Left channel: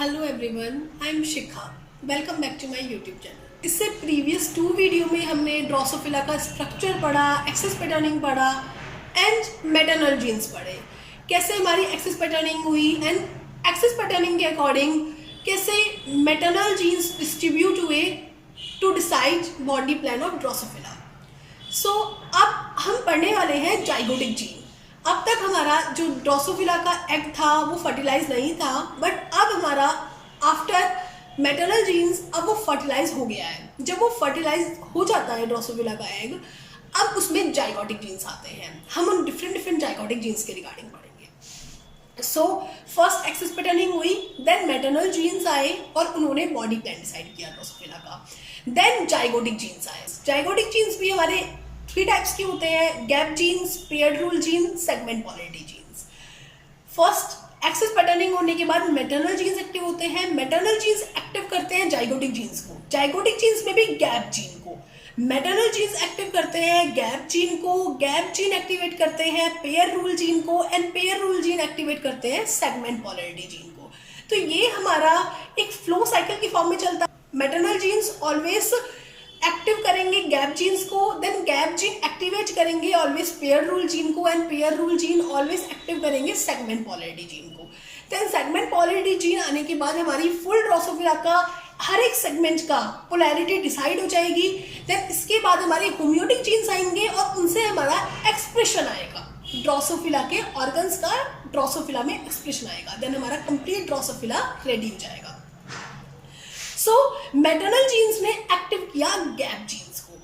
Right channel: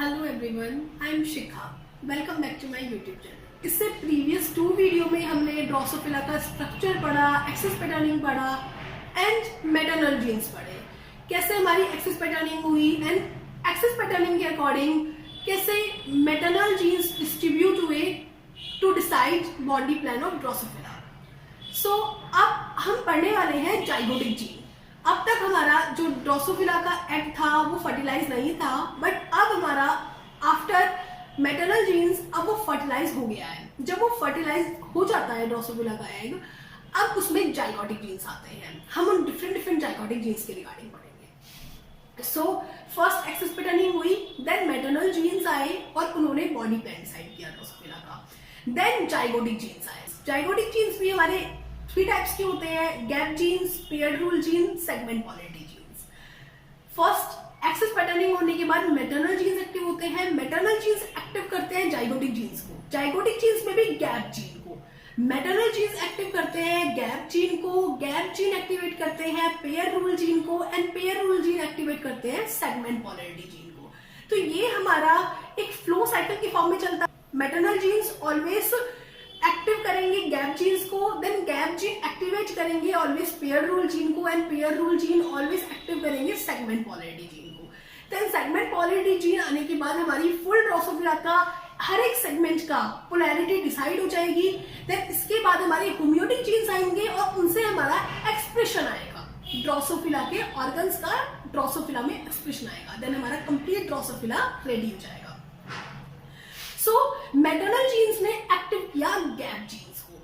Hello everyone, I am Shikha. Welcome back to my YouTube channel. इससे previous 2 video में हमने Drosophila का structure पढ़ा, एक्सेस पैटर्निंग पढ़ा एंड मैटरनल जीन्स पढ़े। कैसे हमारी एक्सेस पैटर्निंग हुई एंड एक्सेस पैटर्निंग के अकॉर्डिंग कैसे मैटरनल जीन्स डिस्ट्रीब्यूट हुए to decide body plan of Drosophila. So अब हम पढ़ने वाले हैं जाइगोटिक जीन। अब तक हमारा जो ड्रोसोफिला का एग था वो फर्टिलाइज नहीं था, बट अब हमारा आफ्टर मैटरनल जीन्स अब वो फर्टिलाइज हो गया है। जब वो फर्टिलाइज हो जाता है ड्रोसोफिला का एग, अब उसमें जाइगोटिक जीन्स आते हैं। हम उन डिफरेंट जाइगोटिक जीन्स के रिगार्डिंग पढ़ेंगे। सो फर्स्ट एक्सेस पैटर्निंग हुई, देन मैटरनल जीन्स आए और उन्होंने बॉडी प्लान डिसाइड किया ड्रोसोफिला का। देन जाइगोटिक जीन्स आए। जाइगोटिक जीन्स भी हमारे 3 टाइप्स के होते हैं: gap genes, paired rule genes, segment polarity genes. First axis patterning होने के बाद मैटरनल जीन्स एक्टिव होते हैं। मैटरनल जीन्स एक्टिव करते हैं जाइगोटिक जीन्स को, जाइगोटिक जीन्स में भी गैप जीन को। मैटरनल जीन्स एक्टिव करते हैं गैप जीन को, गैप जीन एक्टिवेट करते हैं पेयर रूल जीन को and pair rule gene activate करते हैं सेगमेंट पोलैरिटी जीन को। तो ये हमारा एक फ्लो साइकिल की फॉर्म में चलता है। मैटरनल जीन्स ऑलवेज एक्टिव करेंगे गैप जीन्स को, देन गैप जीन एक्टिवेट करेंगे ऑलवेज पेयर रूल जीन को and pair rule gene always active करेंगे सेगमेंट पोलैरिटी जीन को। देन सेगमेंट पोलैरिटी जीन आने के बाद हमारी फुल ड्रोसोफिला का हर एक सेगमेंट का पोलैरिटी डिसाइड हो जाएगी। देन इसके बाद हमारी होम्योटिक जीन्स आएंगे और उनसे हमारा एक्सप्रेशन आएगा, ड्रोसोफिला के ऑर्गन्स का ड्रोसोफिला में एक्सप्रेशन आएगा। देन हमारा कंप्लीट ड्रोसोफिला रेडी हो जाएगा। सो मैटरनल जीन्स ने एक्टिव किया गैप जीन्स को।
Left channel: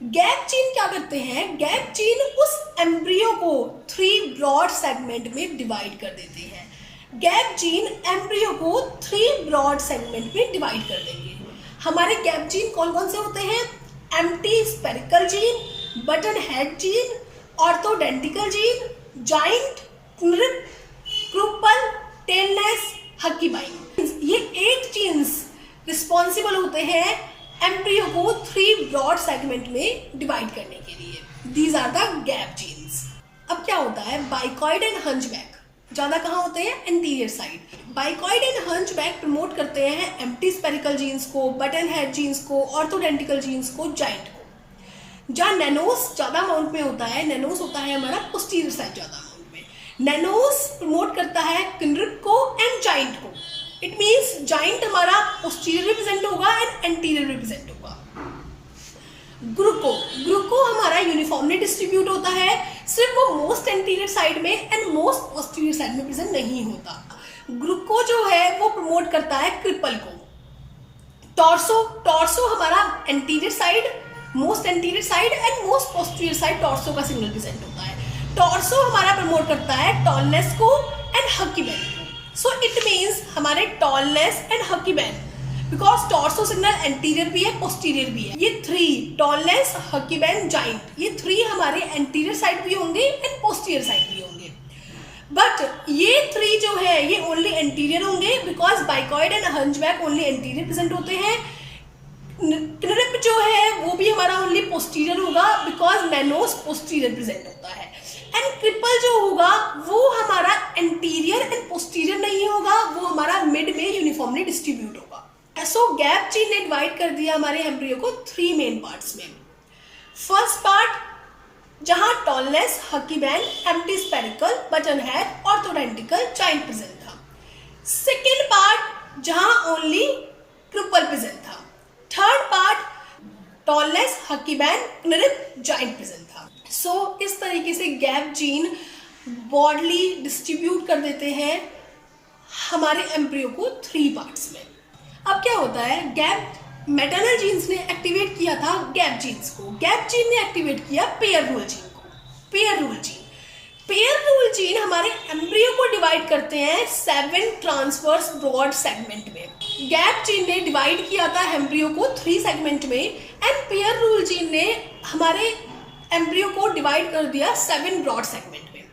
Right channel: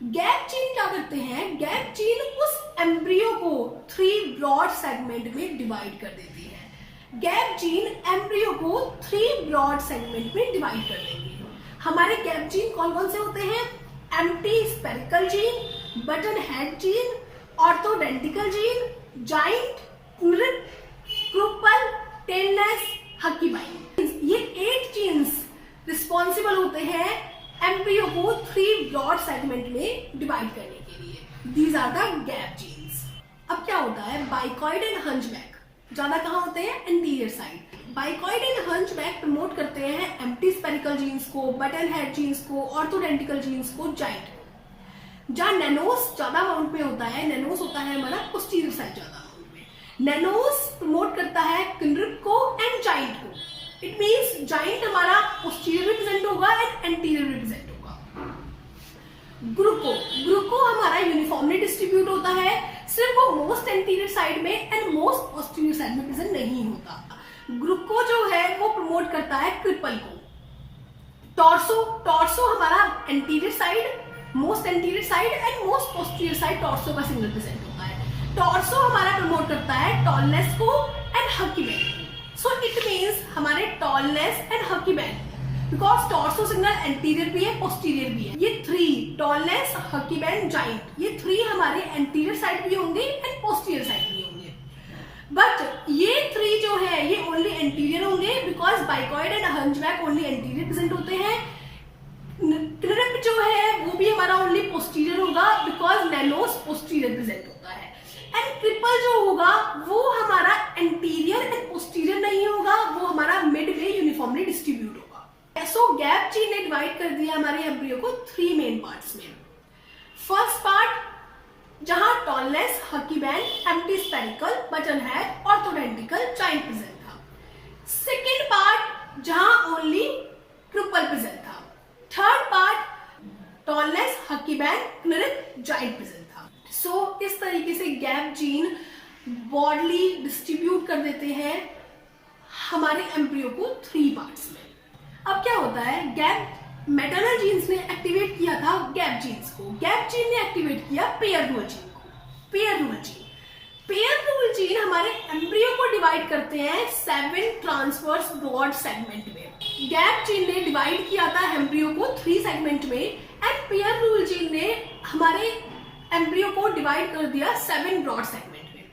गैप जीन क्या करते हैं? गैप जीन उस एम्ब्रियो को 3 ब्रॉड सेगमेंट में डिवाइड कर देते हैं। गैप जीन एम्ब्रियो को 3 ब्रॉड सेगमेंट में डिवाइड कर देंगे। हमारे गैप जीन कौन कौन से होते हैं? Empty spiracle gene, button head gene, orthodenticle gene, giant, Kruppel, tailless, huckebein. ये 8 जीन्स रिस्पॉन्सिबल होते हैं एम्ब्रियो को 3 ब्रॉड सेगमेंट में डिवाइड करने के लिए। These are the gap genes. अब क्या होता है? बाइकॉइड एंड हंचबैक ज्यादा कहाँ होते हैं? Anterior side. Bicoid and hunchback promote करते हैं एम्प्टी स्पेरिकल जीन्स को, बटन हेड जीन्स को, ऑर्थोडेंटिकल जीन्स को, जाइंट को। जहाँ नैनोस ज्यादा अमाउंट में होता है, नैनोस होता है हमारा पोस्टीरियर साइड ज्यादा अमाउंट में। नैनोस प्रमोट करता है किनरिप को एंड जाइंट को। इट मीन्स जाइंट हमारा पोस्टीरियर रिप्रेजेंट होगा एंड एंटीरियर रिप्रेजेंट होगा। ग्रुको हमारा यूनिफॉर्मली डिस्ट्रीब्यूट होता है, सिर्फ वो मोस्ट एंटीरियर साइड में एंड मोस्ट पोस्टीरियर साइड में प्रेजेंट नहीं होता। ग्रुको जो है वो प्रमोट करता है क्रिपल को। टॉर्सो हमारा anterior side, most anterior side and most posterior side torso का सिग्नल प्रेजेंट होता है। टॉर्सो हमारा प्रमोट करता है टॉलनेस को एंड हकीबैन को। सो इट मीन्स हमारे tailless and huckebein, because torso signal anterior भी है पोस्टीरियर भी है। ये 3 टॉलनेस, हकीबैन, जाइंट, ये 3 हमारे एंटीरियर साइड भी होंगे एंड पोस्टीरियर साइड भी होंगे। बट ये 3 जो है ये ओनली एंटीरियर होंगे, because bicoid and hunchback only anterior present होते हैं। क्रिप जो है वो भी हमारा ओनली पोस्टीरियर होगा, बिकॉज नैनोस पोस्टीरियर प्रेजेंट होता है। एंड क्रिपल जो होगा वो हमारा एंटीरियर एंड पोस्टीरियर नहीं होगा, वो हमारा मिड में यूनिफॉर्मली डिस्ट्रीब्यूट होगा। सो गैप जीन ने डिवाइड कर दिया हमारे एम्ब्रियो को 3 मेन पार्ट्स में। फर्स्ट पार्ट जहां tailless, huckebein, empty spiracle, button head, orthodenticle, giant present था। सेकेंड पार्ट जहां ओनली क्रिपल प्रेजेंट था। Third part tailless, huckebein, Kruppel, giant present था। सो इस तरीके से गैप जीन बॉडली डिस्ट्रीब्यूट कर देते हैं हमारे एम्ब्रियो को 3 पार्ट्स में। अब क्या होता है? गैप मैटरनल जीन्स ने एक्टिवेट किया था गैप जीन्स को, गैप जीन ने एक्टिवेट किया पेयर रूल जीन को। पेयर रूल जीन हमारे एम्ब्रियो को डिवाइड करते हैं 7 ट्रांसवर्स ब्रॉड सेगमेंट में। गैप जीन ने डिवाइड किया था एम्ब्रियो को 3 सेगमेंट में एंड पेयर रूल जीन ने हमारे एम्ब्रियो को डिवाइड कर दिया 7 ब्रॉड सेगमेंट में।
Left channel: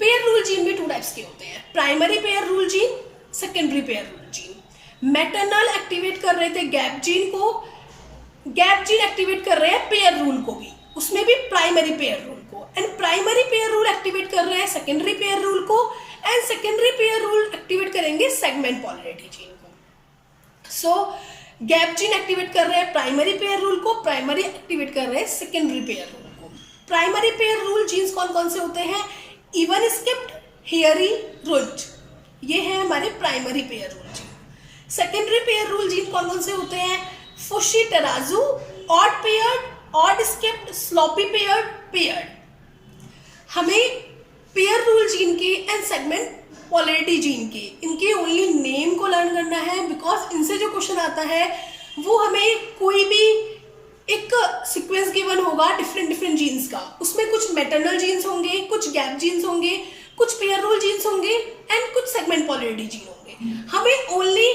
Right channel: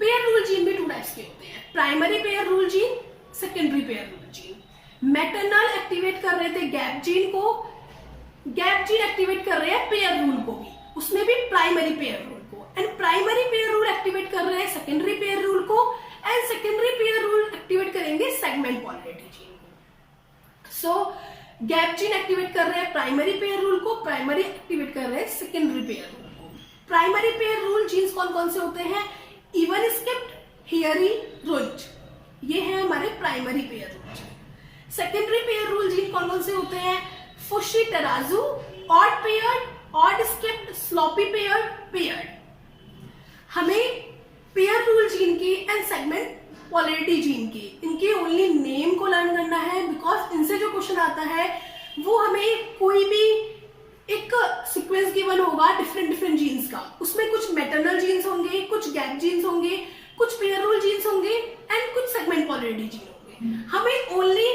पेयर रूल जीन में 2 टाइप्स के होते हैं: primary pair rule gene, secondary pair rule gene. Maternal activate कर रहे थे गैप जीन को, गैप जीन एक्टिवेट कर रहे हैं पेयर रूल को भी, उसमें भी प्राइमरी पेयर रूल को। And primary pair rule activate कर रहे हैं सेकेंडरी पेयर रूल को and secondary pair rule activate करेंगे सेगमेंट पोलैरिटी जीन को। सो गैप जीन एक्टिवेट कर रहे हैं प्राइमरी पेयर रूल को, प्राइमरी एक्टिवेट कर रहे हैं सेकेंडरी पेयर रूल को। प्राइमरी पेयर रूल जीन्स कौन कौन से होते हैं? इवन स्किप्ड, हेयरी, रुंज, ये है हमारे primary pair rule gene. Secondary pair rule gene कौन कौन से होते हैं? Fushi, tarazu, odd paired, odd skipped, sloppy paired, paired. हमें पेयर रूल जीन के एंड सेगमेंट पोलैरिटी जीन के इनके ओनली नेम को लर्न करना है, बिकॉज इनसे जो क्वेश्चन आता है वो हमें कोई भी एक सीक्वेंस गिवन होगा डिफरेंट जीन्स का, उसमें कुछ मैटरनल जीन्स होंगे, कुछ गैप जीन्स होंगे, कुछ पेयर रूल जीन्स होंगे एंड कुछ सेगमेंट पोलैरिटी जीन होंगे। हमें ओनली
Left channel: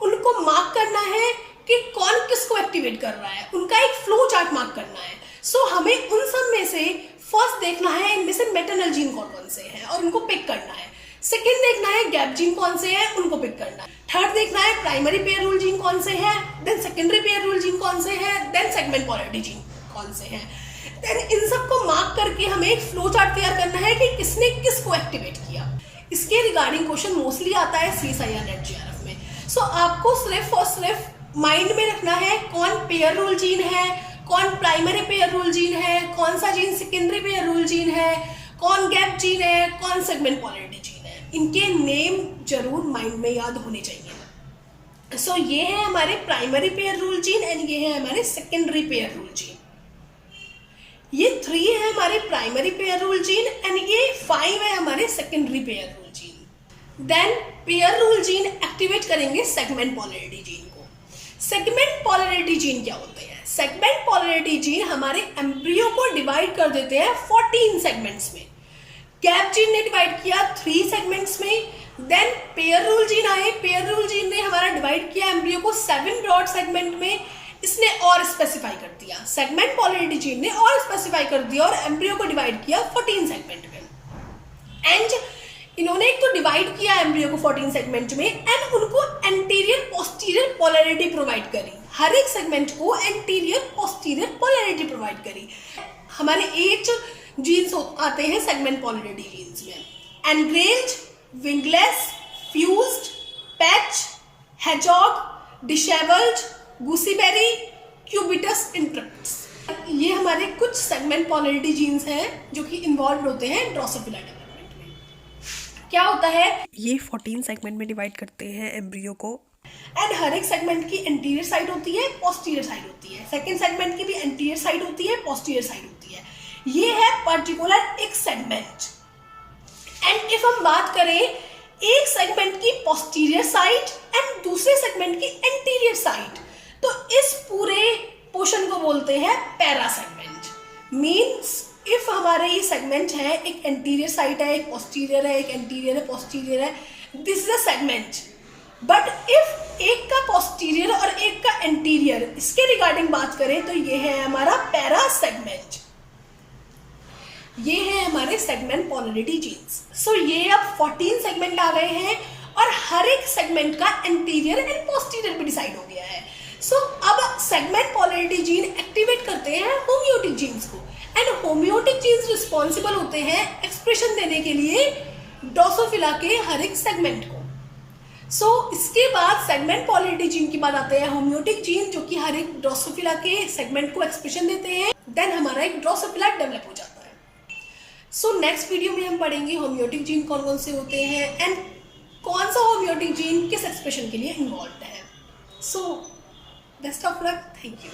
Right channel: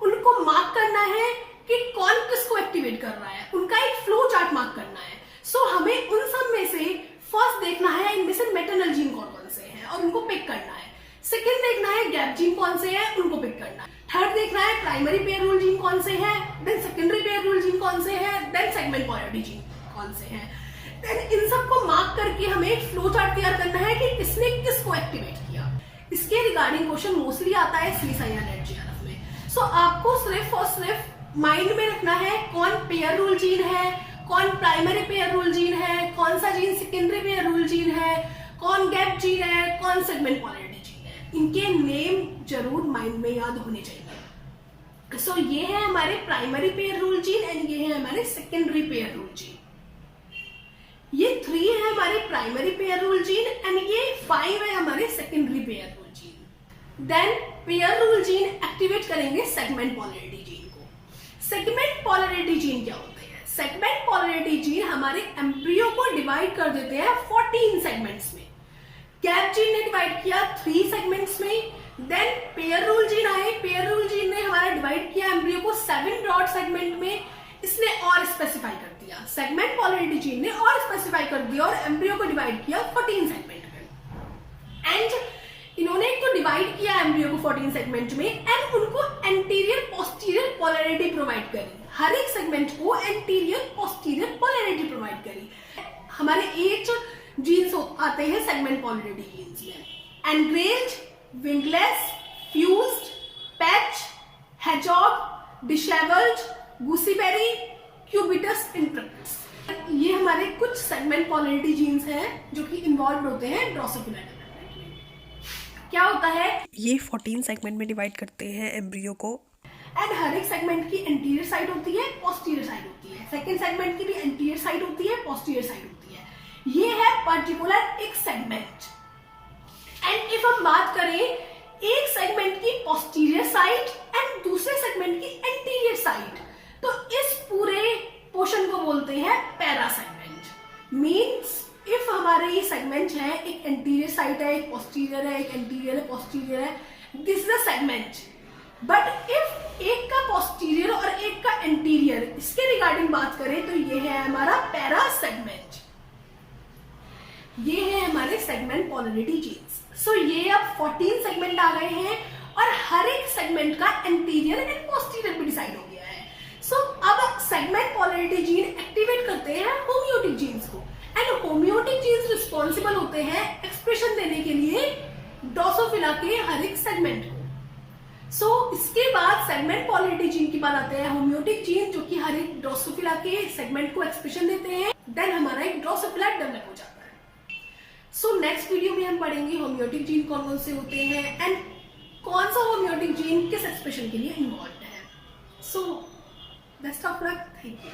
उनको मार्क करना है कि कौन किसको एक्टिवेट कर रहा है, उनका एक फ्लो चार्ट मार्क करना है। सो हमें उन सब में से फर्स्ट देखना है इनमें से मैटरनल जीन कौन कौन से हैं और उनको पिक करना है। सेकेंड देखना है गैप जीन कौन से हैं, उनको पिक करना है। थर्ड देखना है प्राइमरी पेयर रूल जीन कौन से हैं, then secondary pair rule gene कौन से हैं, देन सेगमेंट पोलैरिटी जीन कौन से हैं। देन इन सबको मार्क करके हमें एक फ्लो चार्ट तैयार करना है कि किसने किसको एक्टिवेट किया। इसके रिगार्डिंग क्वेश्चन मोस्टली आता है CSIR नेट GRF में। सो आपको सिर्फ और सिर्फ माइंड में रखना है कौन पेयर रूल जीन है, कौन प्राइमरी पेयर रूल जीन है, कौन सा gene secondary pair rule gene है, कौन गैप जीन है, कौन सेगमेंट पोलैरिटी जीन है। इनके नेम जरूर माइंड में याद होने चाहिए। सो ये है हमारे primary pair rule gene and ये है हमारे सेकेंडरी पेयर रूल जीन। ये 3 है हमारे primary pair rule gene and ये 5 है हमारे secondary pair rule gene. Then pair rule gene activate करेंगे सेगमेंट पोलैरिटी जीन को। सेगमेंट पोलैरिटी जीन क्या होते हैं? सेगमेंट पोलैरिटी जीन हमारे एम्ब्रियो को डिवाइड कर देते हैं 14 सेगमेंट्स में। गैप जीन ने डिवाइड किया 3 सेगमेंट्स में। देन पेयर रूल जीन आए, पेयर रूल जीन ने हमारा डिवाइड किया एम्ब्रियो को 7 ब्रॉड सेगमेंट में, इसने और स्पेसिफाई कर दिया। सेगमेंट पोलैरिटी जीन ने और स्पेसिफाई कर दिया और एम्ब्रियो को डिवाइड किया 14 सेगमेंट में। एंड इन्होंने एक तो डिवाइड किया एम्ब्रियो को 14 सेगमेंट में एंड उनको एंटीरियर पोस्टीरियर पोलैरिटी प्रोवाइड करी। हर एक सेगमेंट को एंटीरियर पोस्टीरियर पोलैरिटी प्रोवाइड करी। हमारे 8 जीन्स आते हैं सेगमेंट पोलैरिटी जीन्स में: engrailed, wingless, fused, patch, hedgehog, dishevelled, gooseberry, cubitus interruptus. ये हमारे कुछ सेगमेंट पोलैरिटी जीन्स हैं जो कि इन्वॉल्व होते हैं ड्रोसोफिला डेवलपमेंट में। क्या होता है? ये 14 सेगमेंट में डिवाइड करते हैं एम्ब्रियो को एंड हर एक सेगमेंट की एंटीरियर साइड होती है, पोस्टीरियर साइड होती है। सेकेंड सेगमेंट की भी एंटीरियर साइड होती है, पोस्टीरियर साइड होती है। ये है पर्टिकुलर एक सेगमेंट। एंड इफ हम बात करें एक सेगमेंट की पोस्टीरियर साइड एंड दूसरे सेगमेंट की एंटीरियर साइड, तो इस पूरे पोर्शन को बोलते हैं पैरा सेगमेंट। मीन्स इफ हमारे ये सेगमेंट है, एक एंटीरियर साइड है, एक पोस्टीरियर है, एक एंटीरियर है, पोस्टीरियर है, this is a segment. But if एक का पोस्टीरियर और एक का एंटीरियर, इसके रिगार्डिंग बात करें तो ये है हमारा पैरा सेगमेंट। ये है हमारे सेगमेंट पोलैरिटी जीन्स। सो ये अब 14 सेगमेंट आ गए हैं और हर एक सेगमेंट का एंटीरियर एंड पोस्टीरियर भी डिसाइड हो गया है। सो अब सेगमेंट पोलैरिटी जीन एक्टिवेट करते हैं होमियोटिक जीन्स को एंड होमियोटिक जीन्स रिस्पॉन्सिबल होते हैं एक्सप्रेशन देने के लिए ड्रोसोफिला के हर एक सेगमेंट को। सो इसके बाद सेगमेंट पोलैरिटी जीन की बात आते हैं होमियोटिक जीन, जो कि हर एक ड्रोसोफिला के सेगमेंट को एक्सप्रेशन देते हैं। देन हमारा एक ड्रोसोफिला डेवलप हो जाता है। सो नेक्स्ट वीडियो में हम पढ़ेंगे होमियोटिक जीन कौन कौन से होते हैं एंड कौन सा होमियोटिक जीन किस एक्सप्रेशन के लिए इन्वॉल्व है। So best of luck, thank you.